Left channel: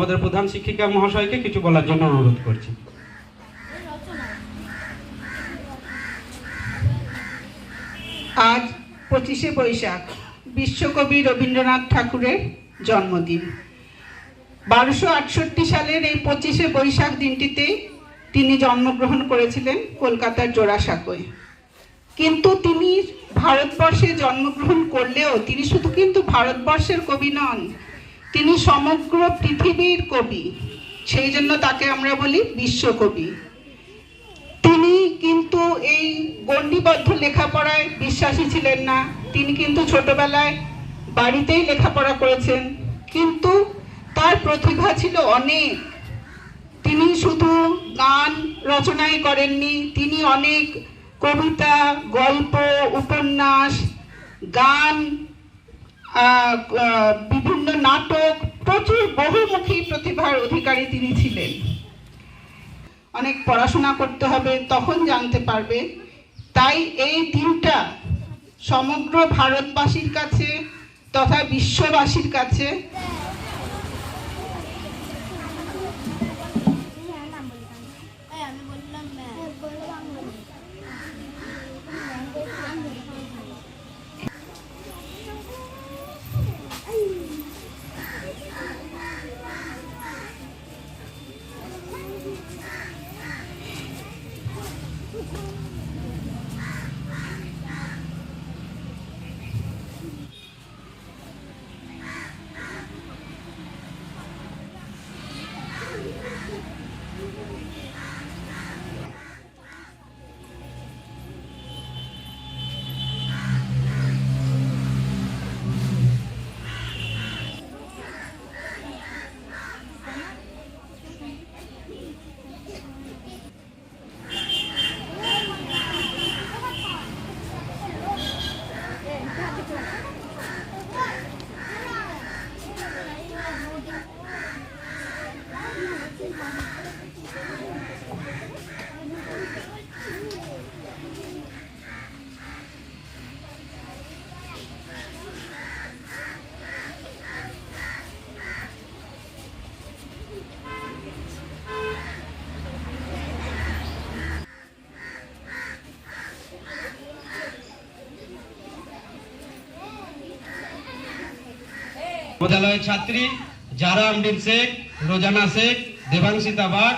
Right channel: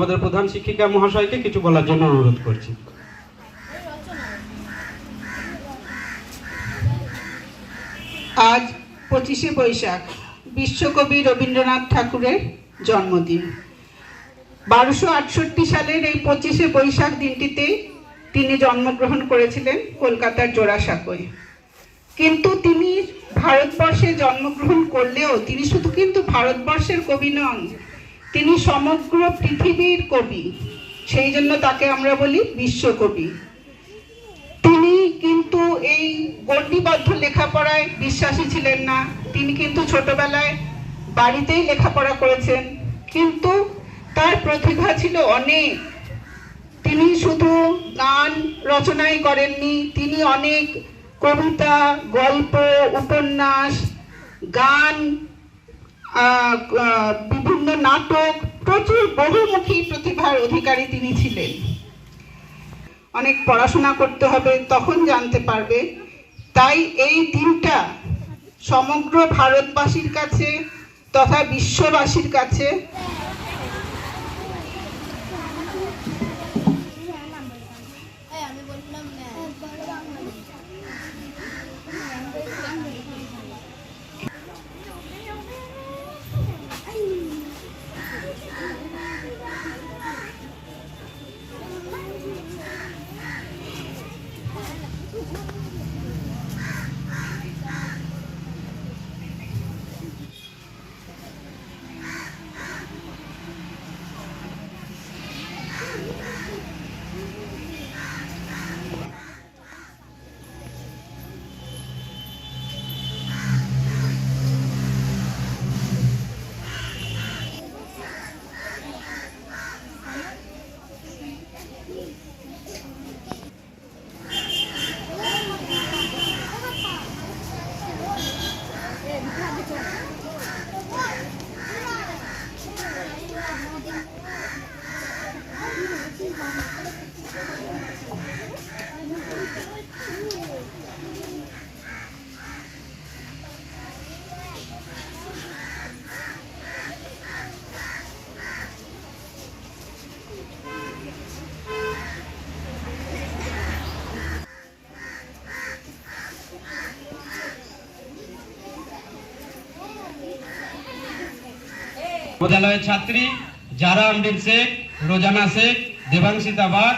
আমাদের প্রধান শিক্ষিকা মহাশয়কে কিছু বলার জন্য অনুরোধ করছি। আজ পঁচিশে বৈশাখ, বিশ্বকবি রবীন্দ্রনাথ ঠাকুরের জন্মদিন। বারোশো আটষট্টি সালের এই পঁচিশে বৈশাখ দিনটিতে তিনি জন্মগ্রহণ করেছিলেন কলকাতার জোড়াসাঁকোয়। কিন্তু তিনি ভারতবর্ষে জন্মগ্রহণ করলেও তিনি শুধু কিন্তু ভারতবর্ষের কবি নন তিনি সমগ্র পৃথিবীর কবি। সেই জন্য তাকে আমরা বলি বিশ্বকবি। তিনি কিন্তু এই গণ্ডিবদ্ধ লেখাপড়ায় বিশ্বাসী ছিলেন না। তিনি কিন্তু ছোটবেলায় বাড়িতেই লেখাপড়া করেছেন। কিন্তু তার প্রতিভা ছিল অনেক। তিনি শুধু গান রচনাই করেননি, তিনি অনেক কবিতা, গল্প, উপন্যাস, গান বিভিন্ন নাটক, প্রচুর বহুমুখী প্রতিভার অধিকারী তিনি ছিলেন। অনেক পড়াশোনা করতে হবে, তখন জানতে পারবে। তাই এই দিনটা সমগ্র ভারতবাসীর কাছে তথা বিশ্ববাসীর কাছে আমি বললাম না বিদ্যালয়ের ছাত্রী জারা আমডিন শেখ রোজানা শেখ দেবাংশিতা বাগ।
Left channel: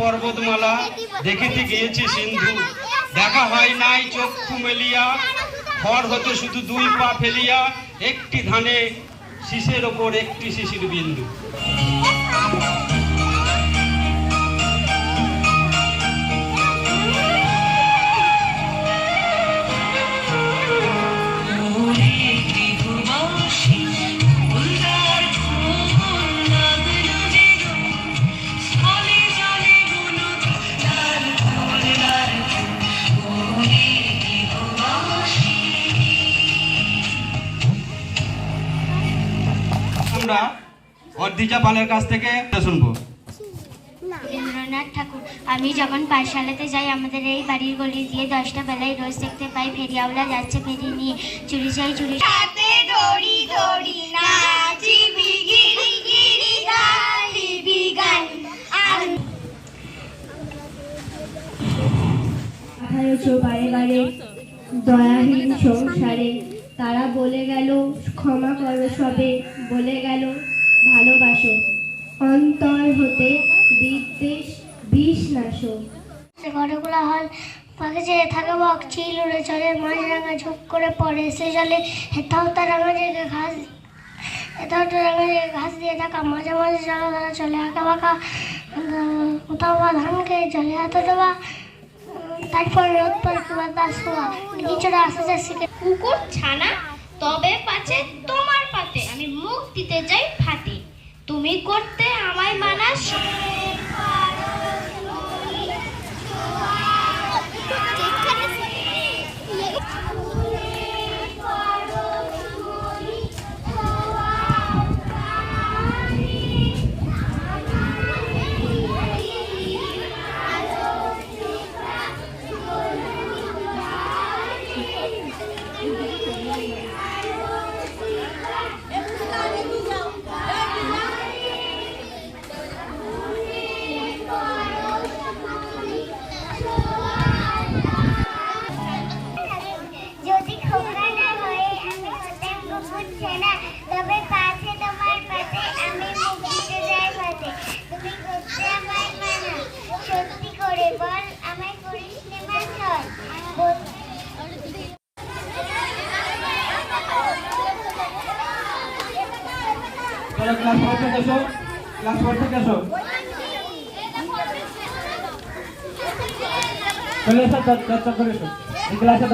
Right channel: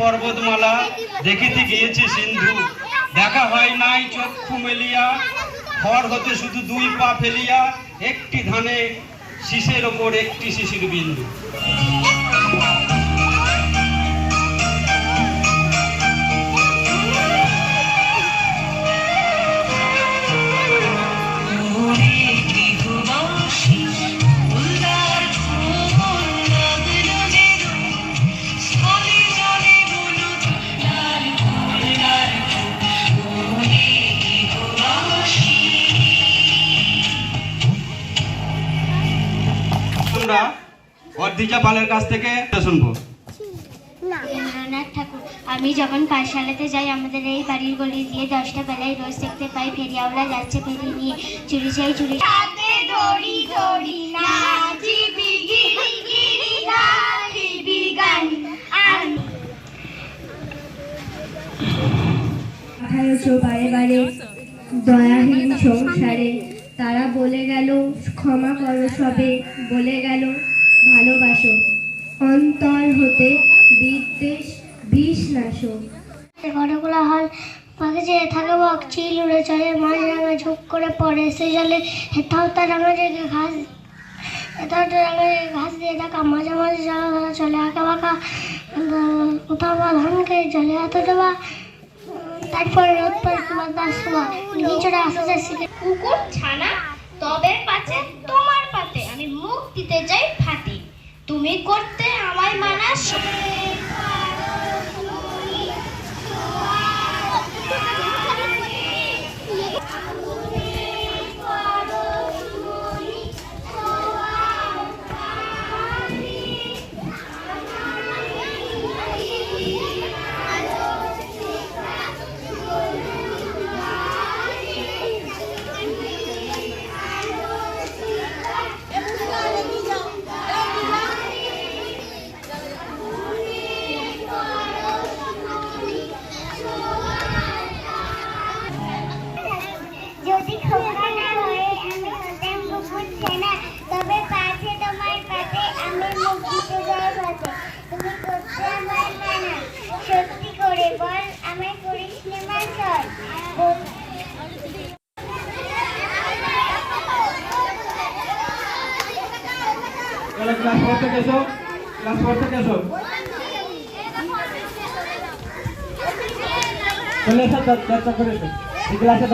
পর্বতমালা দেখিতে গিয়েছে সিন্ধু। দেখা হয় নাই চক্ষু মেলিয়া খড় হতে শুধু দুই পা ফেলিয়া, একটি ধানে শিশের ওপর একটি শিশির বিন্দু। অর্দিজা পালের কাছ থেকে শুনব। রবীন্দ্রনাথ ঠাকুর আমি যখন পাঠশালাতে যাই আমাদের এই বাড়ির গলি দিয়ে দশটা বেলায় রোজ দেখতে পাই ফেরিয়াওয়ালা যাচ্ছে ফেরি নিয়ে। চুরি চাই চুরি দড়ি দড়ি গিরি আঠারোশো বারে বারে দয়াহীন সংসারে তারা বলে গেল ক্ষমা করো সবে বলে গেল ভালোবাসো। অন্তর হতে বিদ্বেষ বিষ নাশো। ঘরগুলো হল পাখি যে থাকে বক চিল উড়ে চলে মাছ রাঙা ঝুঁক করে পড়ে সে জলে। হেথাও তার রাঙা জায়গায় ঘাস হেথাও তার রাঙা জায়গায় ঘাস দিয়ে থাকা মাঝে মাঝে জায়গা ধরা চলে আঁকা বাঁকা। কোথাও বা ধান খেয়ে জলে হাতে দেওয়া তারপর রোদ পর তোমার দাস সময় নিচুরা আসে যাচ্ছে কুকুর ছানা তবে পাচে তোমার পাতে। আমি মুখ দিতে চাই তুমি করতে আমায় মানাস খোকা না হয়ে আমি হতাম কুকুর ছেনা তবে পাছে তোমার পাতে আমি মুখ দিতে যাই পাতে তুমি করতে আমায় মানা সত্যি করে বল আমায় করিস নে মাসল বল চলো ক্লাস ফোর থেকে এসো ক্লাস ফোর থেকে এসো চলে এসো চ- চর্চা করে এসো এই ক্লাসে